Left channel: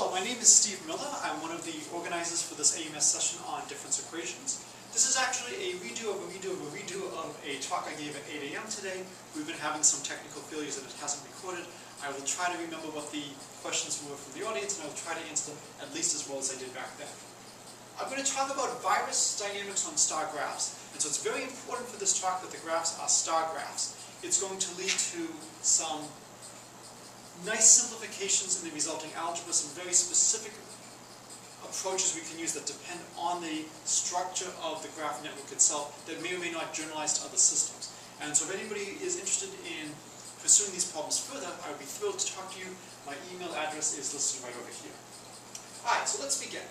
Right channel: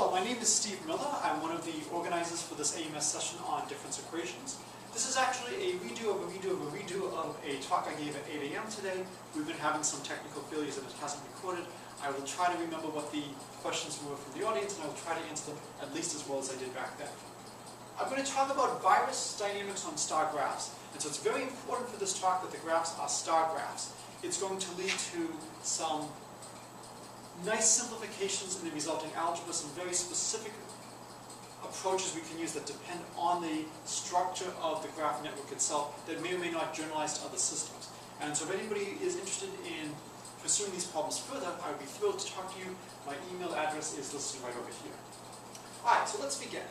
Hello, my name is Steve Miller. I'm one of the organizers for this AMS session on difference equations. This is actually a redo of a talk I gave at 8 a.m. today. We've been having some technical failures and it hasn't recorded. I will try to remember what the questions were from the audience and I will try to answer them at least as well as I did back then. I'm going to talk about virus dynamics on star graphs. And so it's very important for this talk that the graphs are star graphs. It's going to lead to some nice simplifications in the resulting algebra, some very specific approaches we can use that depend on the structure of the graph network itself that may or may not generalize to other systems. And so if anybody is interested in pursuing these problems further, I would be thrilled to talk to you. My email address is listed right over here. Alright, so let's begin.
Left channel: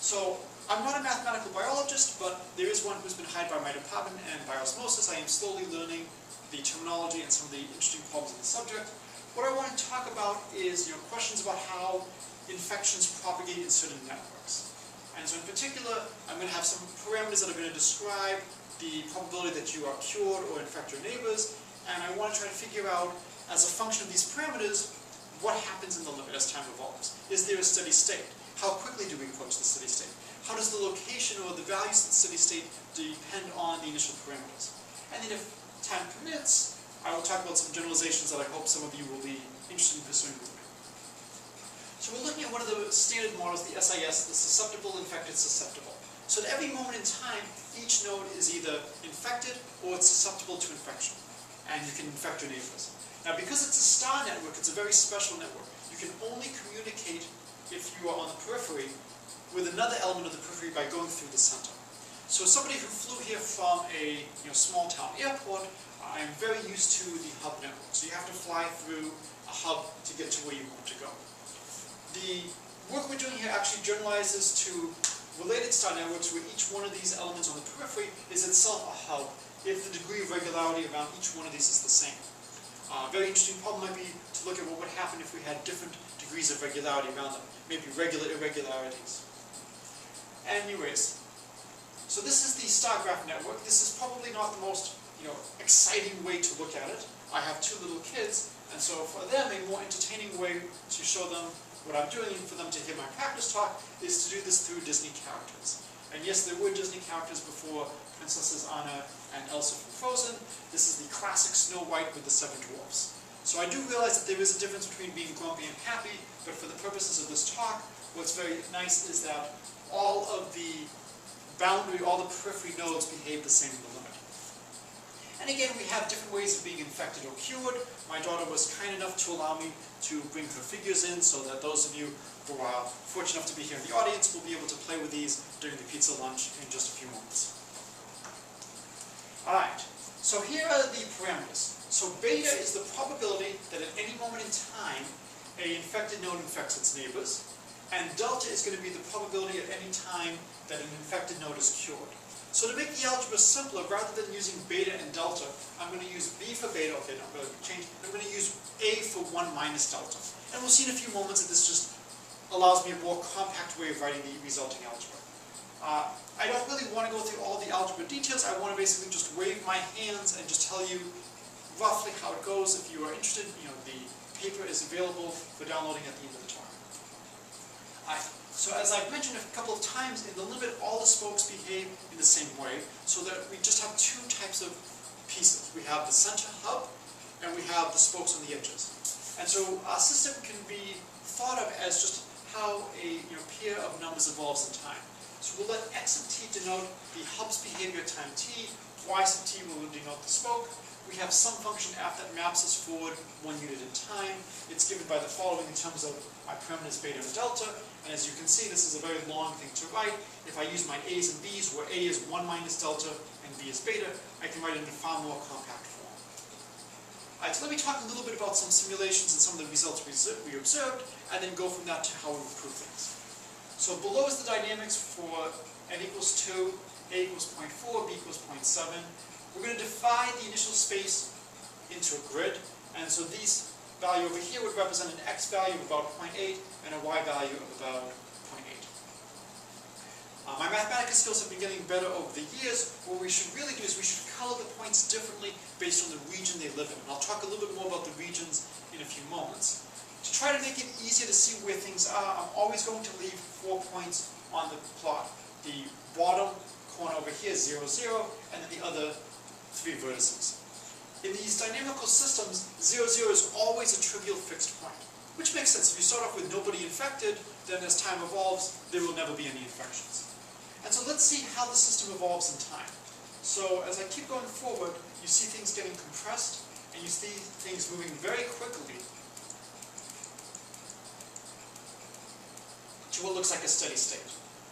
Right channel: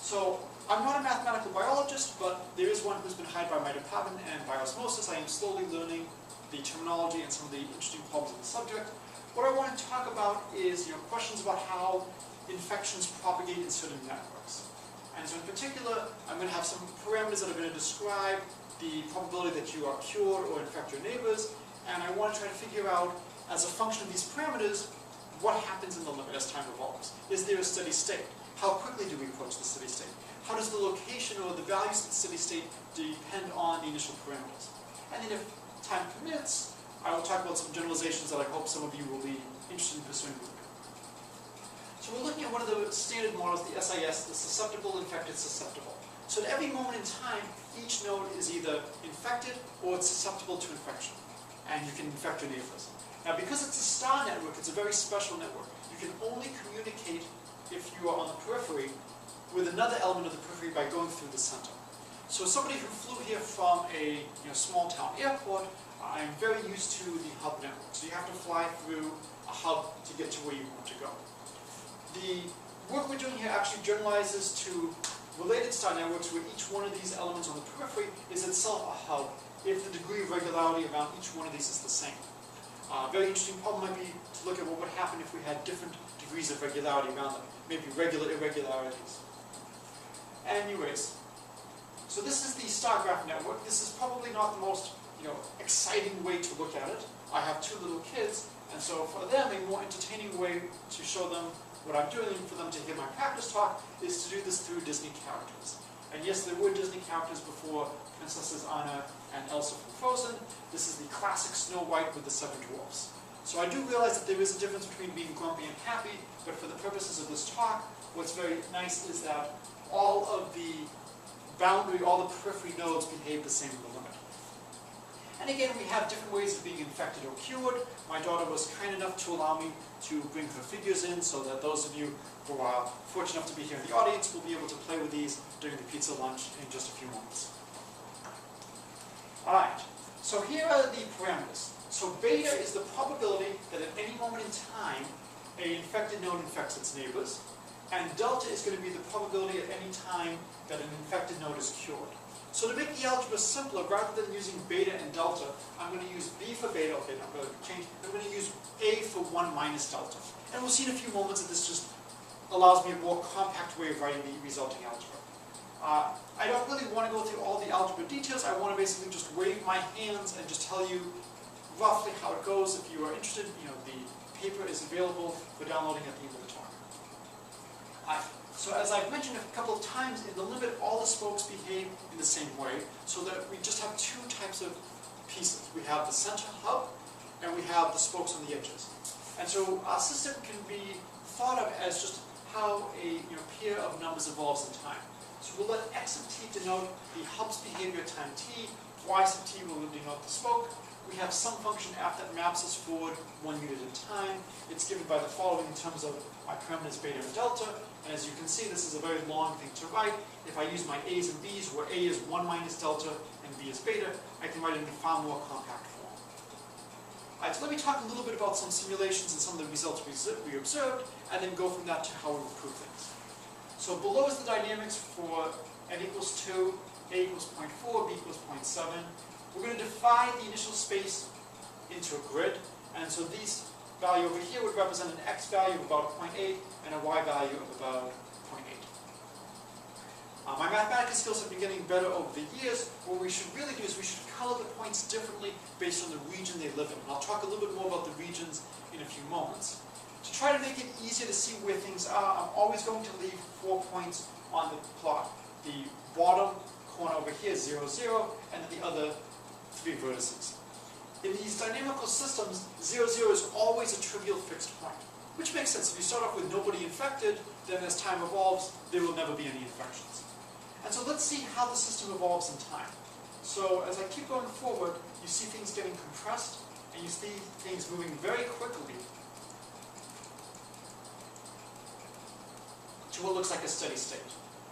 So I'm not a mathematical biologist, but there is one who's been hired by my department, and by osmosis I am slowly learning the terminology and some of the interesting problems of the subject. What I want to talk about is questions about how infections propagate in certain networks. And so in particular, I'm going to have some parameters that are going to describe the probability that you are cured or infect your neighbors, and I want to try to figure out, as a function of these parameters, what happens in the limit as time evolves. Is there a steady state? How quickly do we approach the steady state? How does the location or the values of the steady state depend on the initial parameters? And then if time permits, I will talk about some generalizations that I hope some of you will be interested in pursuing. So we're looking at one of the standard models, the SIS, the susceptible, infected, susceptible. So at every moment in time, each node is either infected or it's susceptible to infection. And you can infect your neighbors. Now because it's a star network, it's a very special network. You can only communicate, if you are on the periphery, with another element of the periphery by going through the center. So somebody who flew here from a small town airport, I'm very used to the hub network. So you have to fly through a hub to get to where you want to go. The work we're doing here actually generalizes to related star networks where each one of these elements on the periphery is itself a hub if the degree of regularity around each one of these is the same. A very interesting problem might be to look at what would happen if we had different degrees of regularity around them, maybe regular irregularities. Anyways, so this is the star graph network. This is probably not the most exciting way to look at it. I have two little kids, and so for them, a more entertaining way to show them what I'm doing and for them to hear my practice talk is to do this through Disney characters. And yes, there were Disney characters before Princesses Anna and Elsa from Frozen. This is the classic Snow White with the 7 dwarfs. So I do realize that there is a difference between being grumpy and happy, but for the purposes of this talk, what's very nice is that all of the boundary, all the periphery nodes behave the same in the limit. And again, we have different ways of being infected or cured. My daughter was kind enough to allow me to bring her figures in so that those of you who are fortunate enough to be here in the audience will be able to play with these during the pizza lunch in just a few moments. Alright, so here are the parameters. So beta is the probability that at any moment in time, an infected node infects its neighbors, and delta is going to be the probability at any time that an infected node is cured. So to make the algebra simpler, rather than using beta and delta, I'm going to use B for beta, okay, no, I'm going to change, I'm going to use A for 1 minus delta. And we'll see in a few moments that this just allows me a more compact way of writing the resulting algebra. I don't really want to go through all the algebra details, I want to basically just wave my hands and just tell you roughly how it goes. If you are interested, the paper is available for downloading at the end of the talk. So as I've mentioned a couple of times, in the limit all the spokes behave in the same way, so that we just have two types of pieces. We have the center hub, and we have the spokes on the edges. And so our system can be thought of as just how a pair of numbers evolves in time. So we'll let x of t denote the hub's behavior at time t, y sub t will denote the spoke. We have some function f that maps us forward 1 unit in time. It's given by the following in terms of our parameters beta and delta. And as you can see, this is a very long thing to write. If I use my a's and b's, where a is 1 minus delta and b is beta, I can write it in a far more compact form. Alright, so let me talk a little bit about some simulations and some of the results we observed, and then go from that to how we improve things. So below is the dynamics for n equals 2, a equals 0.4, b equals 0.7. We're going to divide the initial space into a grid, and so these value over here would represent an x value of about 0.8 and a y value of about 0.8. My mathematical skills have been getting better over the years. What we should really do is we should color the points differently based on the region they live in. And I'll talk a little bit more about the regions in a few moments. To try to make it easier to see where things are, I'm always going to leave 4 points on the plot. The bottom corner over here is 0, 0, and then the other 3 vertices. In these dynamical systems, 0, 0 is always a trivial fixed point, which makes sense. If you start off with nobody infected, then as time evolves, there will never be any infections. And so let's see how the system evolves in time. So as I keep going forward, you see things getting compressed, and you see things moving very quickly to what looks like a steady state.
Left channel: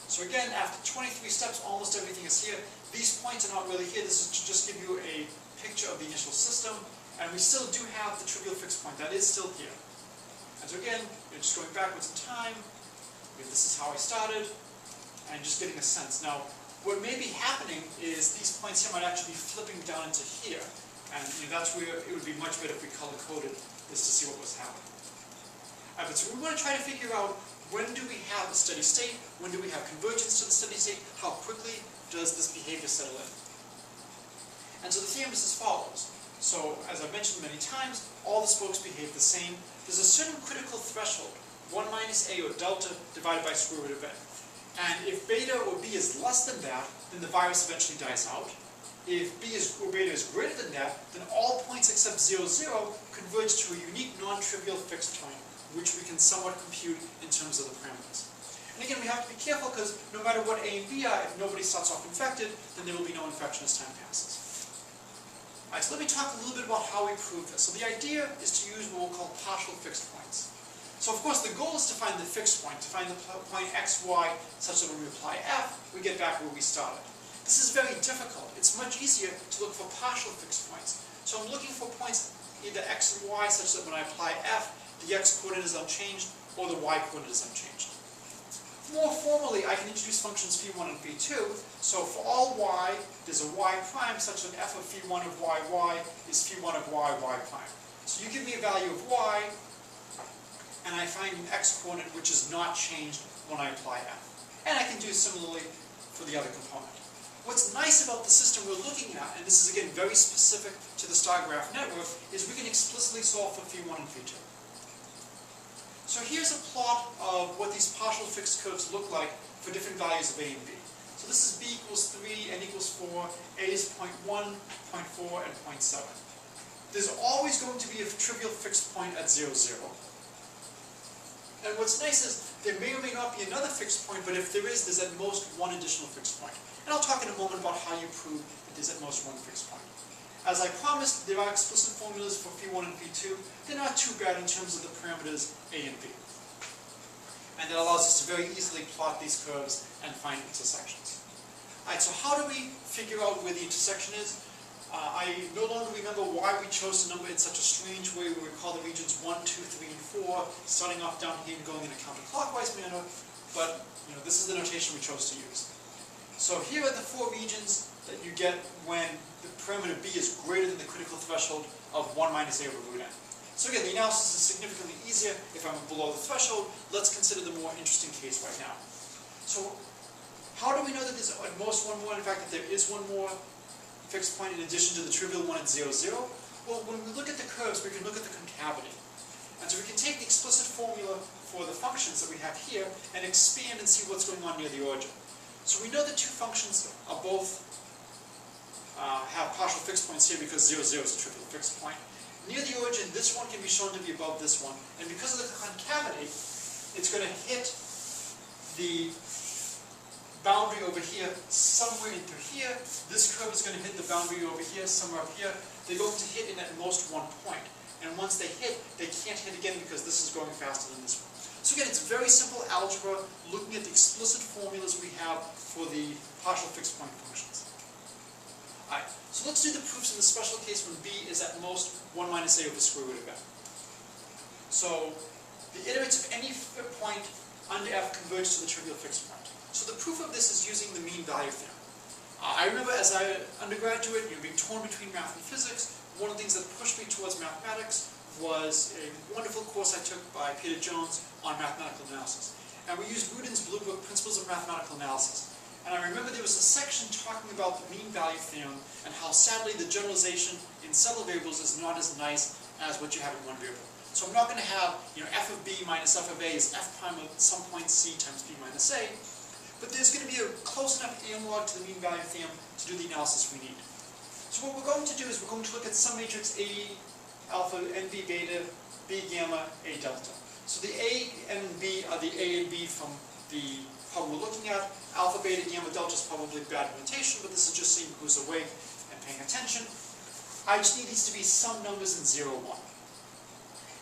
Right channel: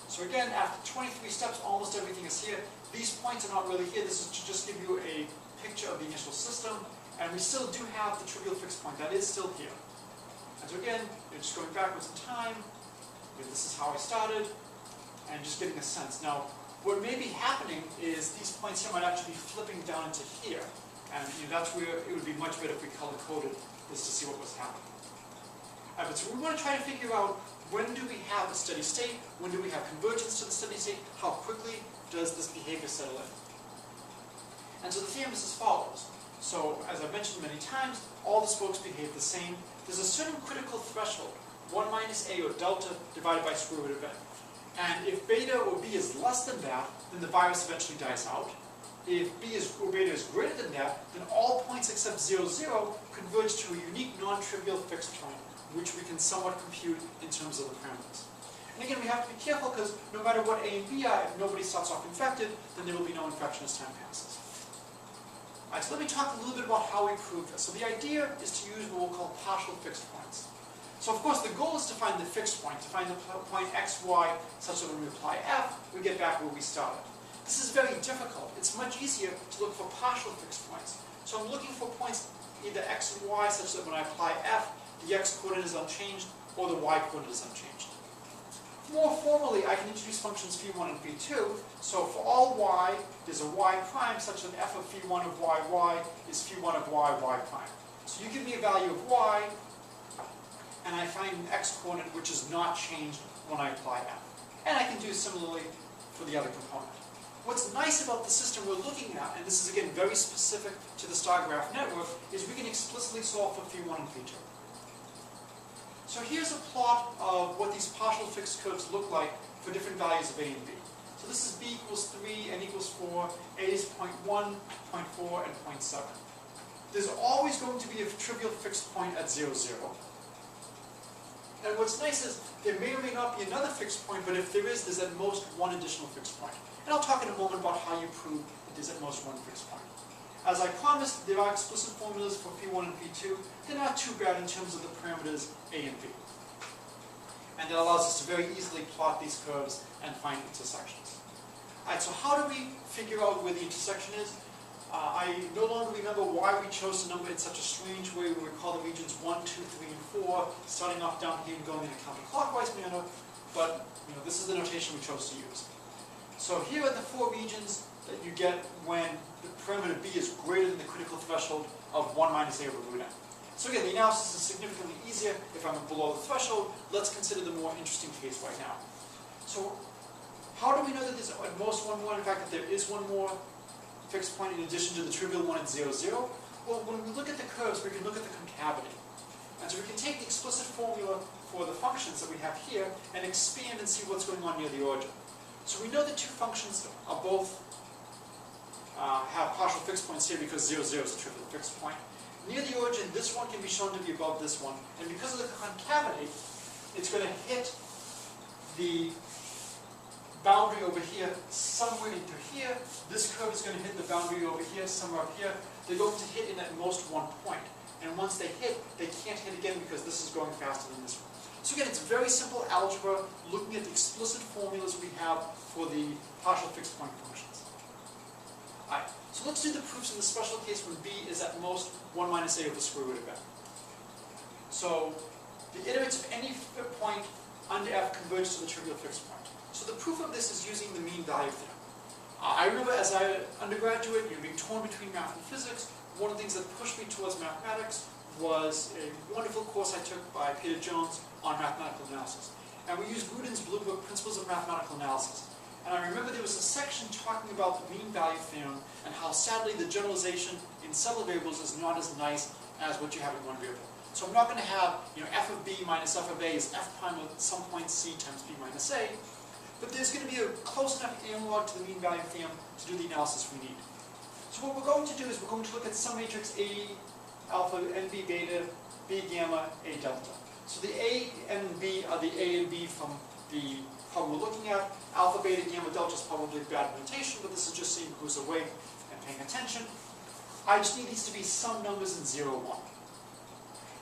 So again, after 23 steps, almost everything is here. These points are not really here. This is to just give you a picture of the initial system, and we still do have the trivial fixed point. That is still here. And so again, you're just going backwards in time. This is how I started, and just getting a sense. Now, what may be happening is these points here might actually be flipping down into here, and that's where it would be much better if we color-coded this to see what was happening. But so we want to try to figure out, when do we have a steady state? When do we have convergence to the steady state? How quickly does this behavior settle in? And so the theorem is as follows. So, as I've mentioned many times, all the spokes behave the same. There's a certain critical threshold, 1 minus a, or delta, divided by square root of n. And if beta or b is less than that, then the virus eventually dies out. If b or beta is greater than that, then all points except 0, 0 converge to a unique non-trivial fixed point, which we can somewhat compute in terms of the parameters. And again, we have to be careful, because no matter what a and b are, if nobody starts off infected, then there will be no infection as time passes. Alright, so let me talk a little bit about how we prove this. So the idea is to use what we'll call partial fixed points. So of course the goal is to find the fixed point, to find the point x, y, such that when we apply f, we get back where we started. This is very difficult. It's much easier to look for partial fixed points. So I'm looking for points either x and y, such that when I apply f, the x coordinate is unchanged, or the y coordinate is unchanged. More formally, I can introduce functions phi1 and phi2. So for all y, there's a y prime such that f of phi1 of y is phi1 of y prime. So you give me a value of y, and I find an x coordinate which is not changed when I apply f. And I can do similarly for the other component. What's nice about the system we're looking at, and this is again very specific to the Starcraft Network, is we can explicitly solve for phi1 and phi2. So here's a plot of what these partial fixed curves look like for different values of a and b. So this is b equals 3, n equals 4, a is 0.1, 0.4, and 0.7. There's always going to be a trivial fixed point at 0, 0. And what's nice is there may or may not be another fixed point, but if there is, there's at most one additional fixed point. And I'll talk in a moment about how you prove that there's at most one fixed point. As I promised, there are explicit formulas for phi1 and phi2. They're not too bad in terms of the parameters a and b. And that allows us to very easily plot these curves and find intersections. Alright, so how do we figure out where the intersection is? I no longer remember why we chose to number in such a strange way. We recall the regions 1, 2, 3, and 4, starting off down here and going in a counterclockwise manner, but this is the notation we chose to use. So here are the 4 regions that you get when the parameter b is greater than the critical threshold of 1 minus a over root n. So again, the analysis is significantly easier if I'm below the threshold. Let's consider the more interesting case right now. So how do we know that there's at most one more? In fact, that there is one more fixed point in addition to the trivial one at 0, 0? Well, when we look at the curves, we can look at the concavity. And so we can take the explicit formula for the functions that we have here and expand and see what's going on near the origin. So we know the 2 functions are both have partial fixed points here because 0, 0 is a trivial fixed point. Near the origin, this one can be shown to be above this one, and because of the concavity, it's going to hit the boundary over here somewhere into here. This curve is going to hit the boundary over here, somewhere up here. They're going to hit in at most one point. And once they hit, they can't hit again because this is going faster than this one. So again, it's very simple algebra looking at the explicit formulas we have for the partial fixed point functions. Alright, so let's do the proofs in the special case when b is at most 1 minus a over the square root of n. So the iterates of any point under f converge to the trivial fixed point. So the proof of this is using the mean value theorem. I remember as an undergraduate, being torn between math and physics, one of the things that pushed me towards mathematics was a wonderful course I took by Peter Jones on mathematical analysis. And we used Rudin's blue book, Principles of Mathematical Analysis. And I remember there was a section talking about the mean value theorem and how sadly the generalization in several variables is not as nice as what you have in one variable. So I'm not going to have, f of b minus f of a is f prime of some point c times b minus a, but there's going to be a close enough analog to the mean value theorem to do the analysis we need. So what we're going to do is we're going to look at some matrix A alpha, n b beta, b gamma, a delta. So the A, N, and B are the A and B from the problem we're looking at. Alpha, beta, gamma, delta is probably bad notation, but this is just seeing who's awake and paying attention. I just need these to be some numbers in 0, 1.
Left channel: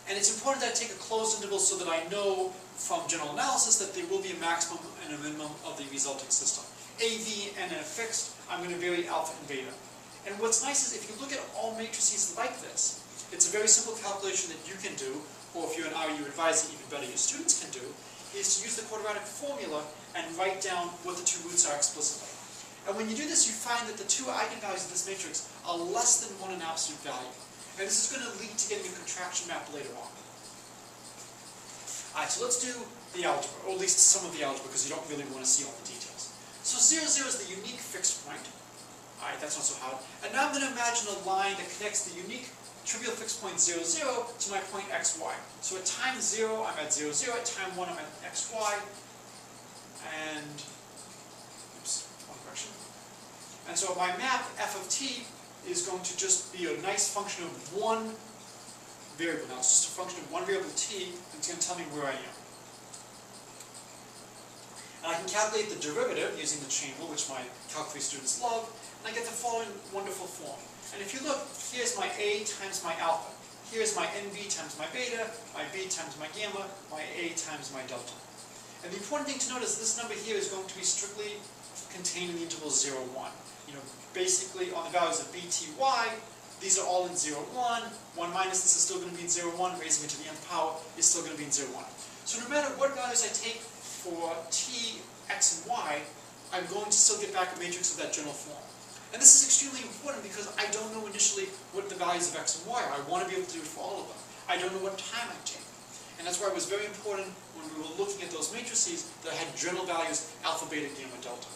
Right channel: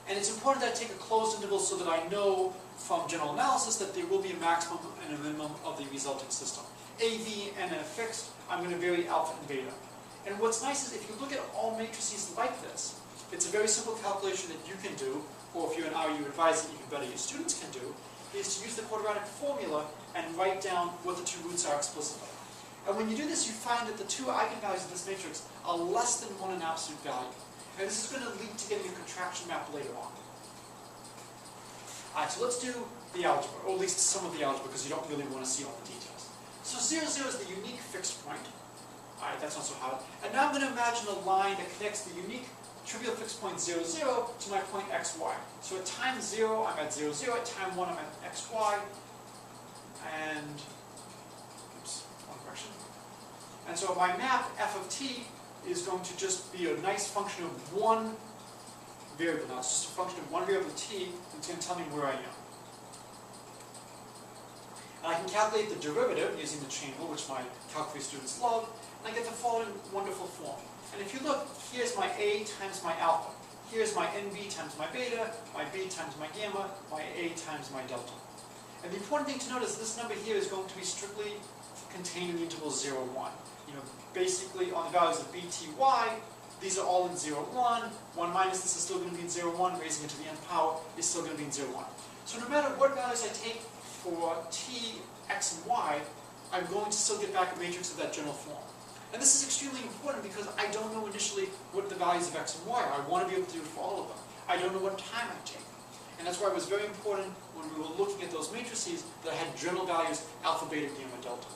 And it's important that I take a closed interval so that I know from general analysis that there will be a maximum and a minimum of the resulting system. A, V, and a fixed, I'm going to vary alpha and beta. And what's nice is if you look at all matrices like this, it's a very simple calculation that you can do, or if you're an RU advisor, even better, your students can do, is to use the quadratic formula and write down what the two roots are explicitly. And when you do this, you find that the two eigenvalues of this matrix are less than 1 in absolute value. And this is going to lead to getting a contraction map later on. Alright, so let's do the algebra, or at least some of the algebra, because you don't really want to see all the details. So 0, 0 is the unique fixed point. Alright, that's not so hard. And now I'm going to imagine a line that connects the unique trivial fixed point 0, 0 to my point x, y. So at time 0, I'm at 0, 0. At time 1, I'm at x, y. And, oops, wrong direction. And so my map, f of t, is going to just be a nice function of one variable. Now, it's just a function of one variable t, and it's going to tell me where I am. And I can calculate the derivative using the chain rule, which my calc3 students love, and I get the following wonderful form. And if you look, here's my A times my alpha. Here's my NB times my beta, my B times my gamma, my A times my delta. And the important thing to note is this number here is going to be strictly contained in the interval 0, 1. Basically on the values of B, T, Y, these are all in 0, 1. 1 minus this is still going to be in 0, 1. Raising it to the nth power is still going to be in 0, 1. So no matter what values I take for T, X, and Y, I'm going to still get back a matrix of that general form. And this is extremely important because I don't know initially what the values of X and Y are. I want to be able to do it for all of them. I don't know what time I take. And that's why it was very important when we were looking at those matrices that I had general values alpha, beta, gamma, delta.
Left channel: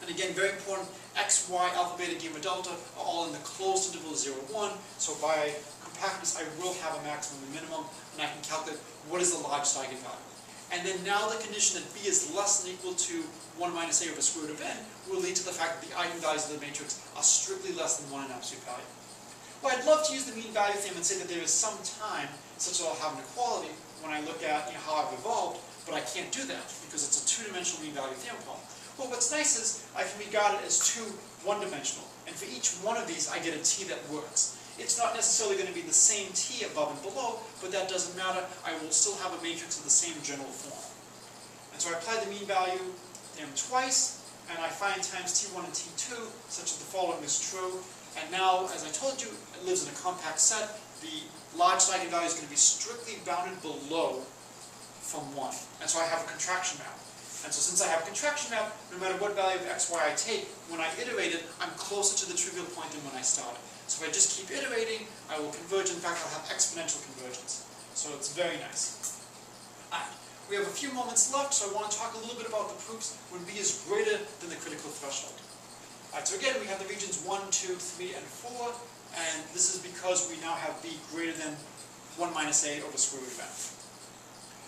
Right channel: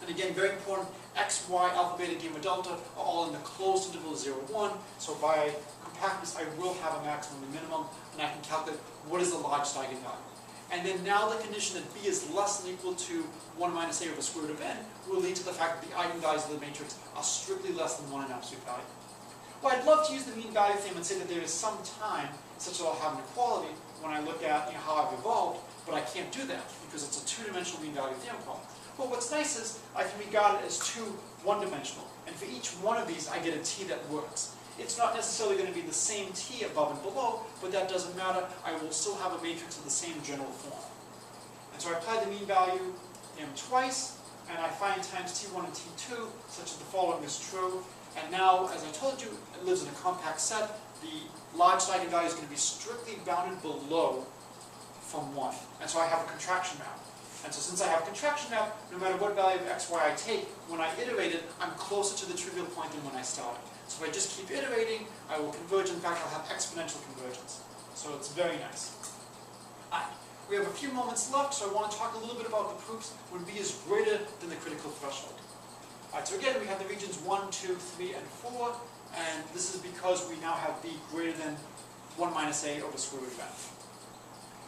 And again, very important, x, y, alpha, beta, gamma, delta are all in the closed interval 0, 1. So by compactness, I will have a maximum and minimum, and I can calculate what is the largest eigenvalue. And then now the condition that b is less than or equal to 1 minus a over the square root of n will lead to the fact that the eigenvalues of the matrix are strictly less than 1 in absolute value. Well, I'd love to use the mean value theorem and say that there is some time such that I'll have an equality when I look at how I've evolved, but I can't do that because it's a two-dimensional mean value theorem problem. Well, what's nice is I can regard it as two one-dimensional, and for each one of these I get a t that works. It's not necessarily going to be the same t above and below, but that doesn't matter. I will still have a matrix of the same general form. And so I apply the mean value theorem twice, and I find times t1 and t2 such that the following is true. And now, as I told you, it lives in a compact set. The largest eigenvalue is going to be strictly bounded below from 1. And so I have a contraction map. And so since I have a contraction map, no matter what value of x, y I take, when I iterate it, I'm closer to the trivial point than when I started. So if I just keep iterating, I will converge. In fact, I'll have exponential convergence. So it's very nice. Alright, we have a few moments left, so I want to talk a little bit about the proofs when b is greater than the critical threshold. Alright, so again, we have the regions 1, 2, 3, and 4, and this is because we now have b greater than 1 minus a over square root of n.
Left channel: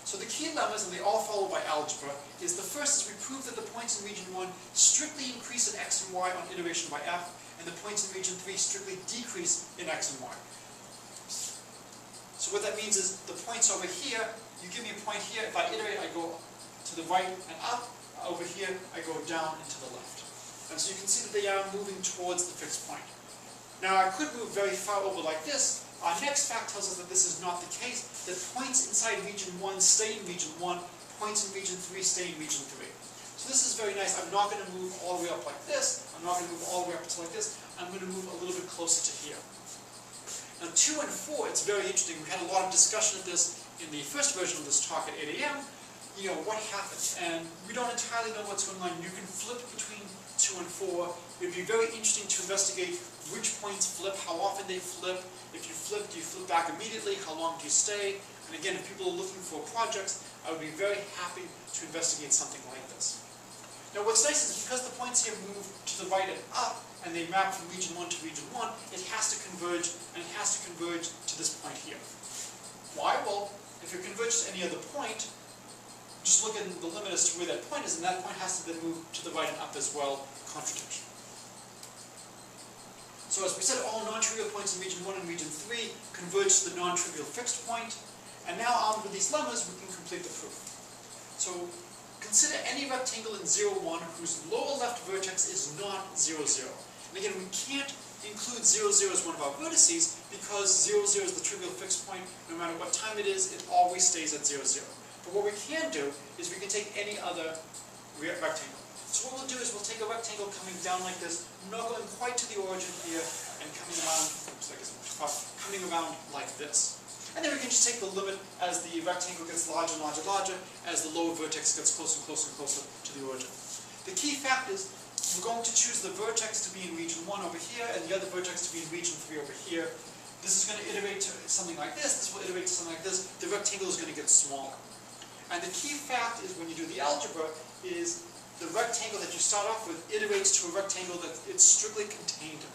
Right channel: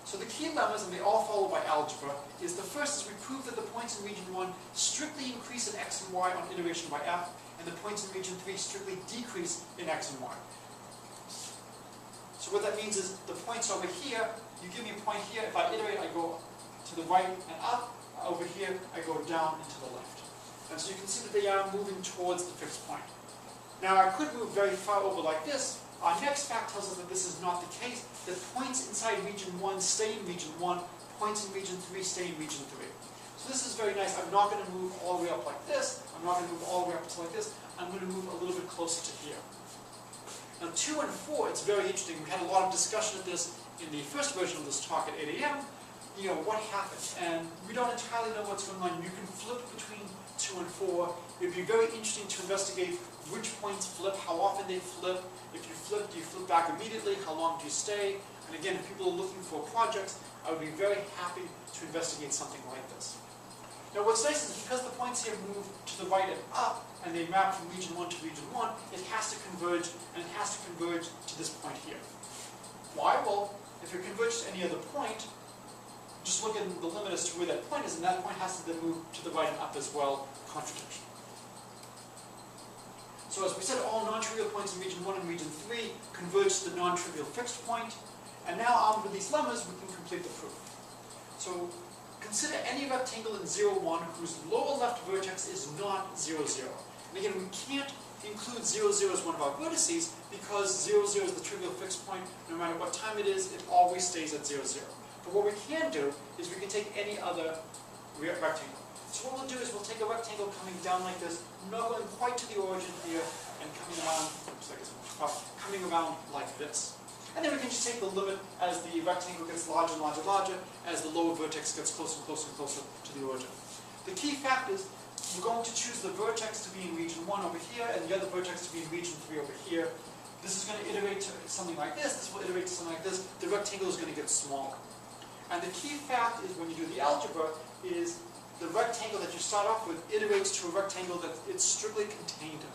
So the key lemmas, and they all follow by algebra, is the first is we prove that the points in region 1 strictly increase in x and y on iteration by f, and the points in region 3 strictly decrease in x and y. So what that means is the points over here, you give me a point here, if I iterate I go to the right and up, over here I go down and to the left. And so you can see that they are moving towards the fixed point. Now I could move very far over like this. Our next fact tells us that this is not the case, that points inside region 1 stay in region 1, points in region 3 stay in region 3. So this is very nice. I'm not going to move all the way up like this. I'm not going to move all the way up to like this. I'm going to move a little bit closer to here. Now 2 and 4, it's very interesting. We had a lot of discussion of this in the first version of this talk at 8 a.m. What happened? And we don't entirely know what's going on. You can flip between 2 and 4. It would be very interesting to investigate which points flip, how often they flip. If you flip, do you flip back immediately? How long do you stay? And again, if people are looking for projects, I would be very happy to investigate something like this. Now what's nice is because the points here move to the right and up, and they map from region 1 to region 1, it has to converge, and it has to converge to this point here. Why? Well, if it converges to any other point, just look at the limit as to where that point is, and that point has to then move to the right and up as well, contradiction. So as we said, all non-trivial points in region 1 and region 3 converge to the non-trivial fixed point, and now armed with these lemmas, we can complete the proof. So consider any rectangle in 0, 1 whose lower left vertex is not 0, 0. And again, we can't include 0, 0 as one of our vertices because 0, 0 is the trivial fixed point. No matter what time it is, it always stays at 0, 0. But what we can do is we can take any other rectangle. So what we'll do is we'll take a rectangle coming down like this, not going quite to the origin here, and coming around, oops, I guess I'm too far, coming around like this. And then we can just take the limit as the rectangle gets larger and larger and larger, as the lower vertex gets closer and closer and closer to the origin. The key fact is we're going to choose the vertex to be in region 1 over here, and the other vertex to be in region 3 over here. This is going to iterate to something like this will iterate to something like this. The rectangle is going to get smaller. And the key fact is when you do the algebra is the rectangle that you start off with iterates to a rectangle that it's strictly contained in.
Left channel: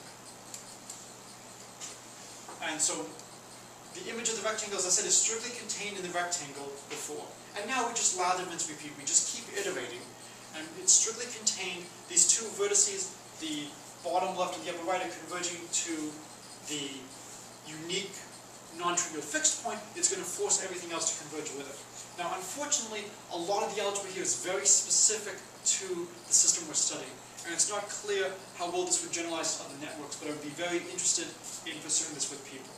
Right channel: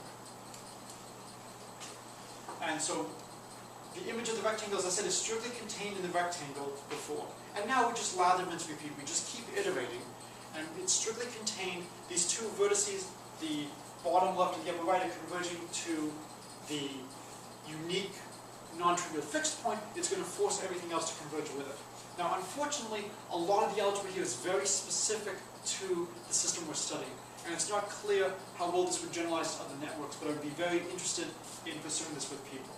And so the image of the rectangle, as I said, is strictly contained in the rectangle before. And now we just lather, rinse, repeat. We just keep iterating. And it's strictly contained. These two vertices, the bottom left and the upper right, are converging to the unique non-trivial fixed point. It's going to force everything else to converge with it. Now, unfortunately, a lot of the algebra here is very specific to the system we're studying. And it's not clear how well this would generalize to other networks, but I would be very interested in pursuing this with people.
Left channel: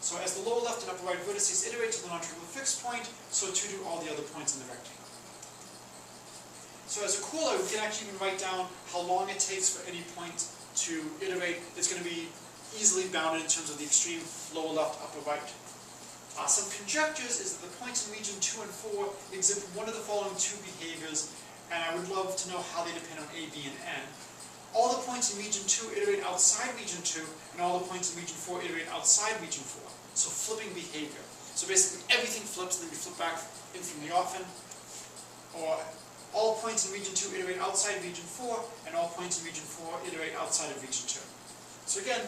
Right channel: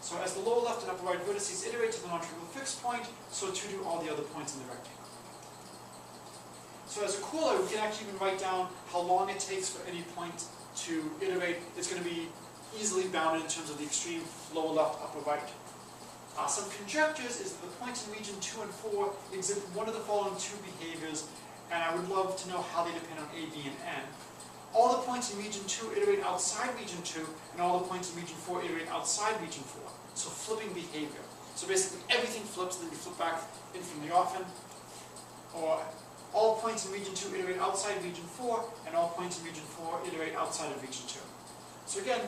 So as the lower left and upper right vertices iterate to the non-trivial fixed point, so too do all the other points in the rectangle. So as a corollary, we can actually even write down how long it takes for any point to iterate. It's going to be easily bounded in terms of the extreme lower left, upper right. Some conjectures is that the points in region 2 and 4 exhibit one of the following two behaviors, and I would love to know how they depend on A, B, and N. All the points in region 2 iterate outside region 2, and all the points in region 4 iterate outside region 4. So flipping behavior. So basically everything flips, and then you flip back in from the off end. Or all points in region 2 iterate outside region 4, and all points in region 4 iterate outside of region 2. So again,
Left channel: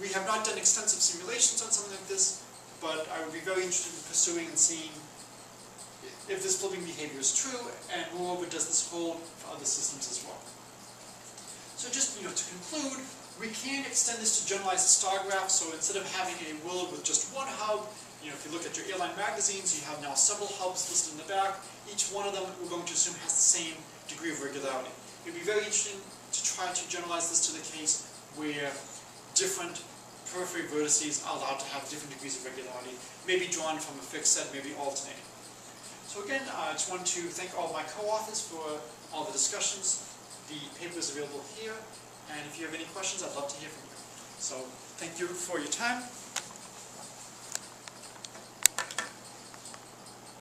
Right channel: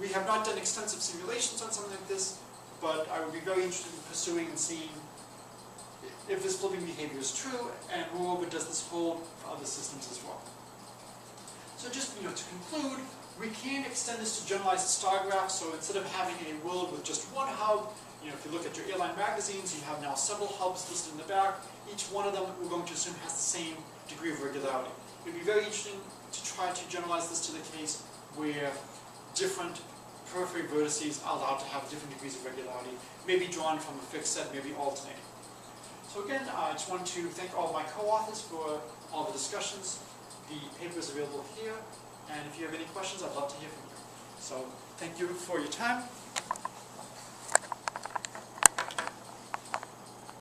we have not done extensive simulations on something like this, but I would be very interested in pursuing and seeing if this flipping behavior is true, and moreover, does this hold for other systems as well. So just to conclude, we can extend this to generalize the star graph. So instead of having a world with just one hub, if you look at your airline magazines, you have now several hubs listed in the back. Each one of them we're going to assume has the same degree of regularity. It would be very interesting to try to generalize this to the case where different periphery vertices are allowed to have different degrees of regularity, maybe drawn from a fixed set, maybe alternating. So again, I just want to thank all of my co-authors for all the discussions. The paper is available here, and if you have any questions, I'd love to hear from you. So thank you for your time.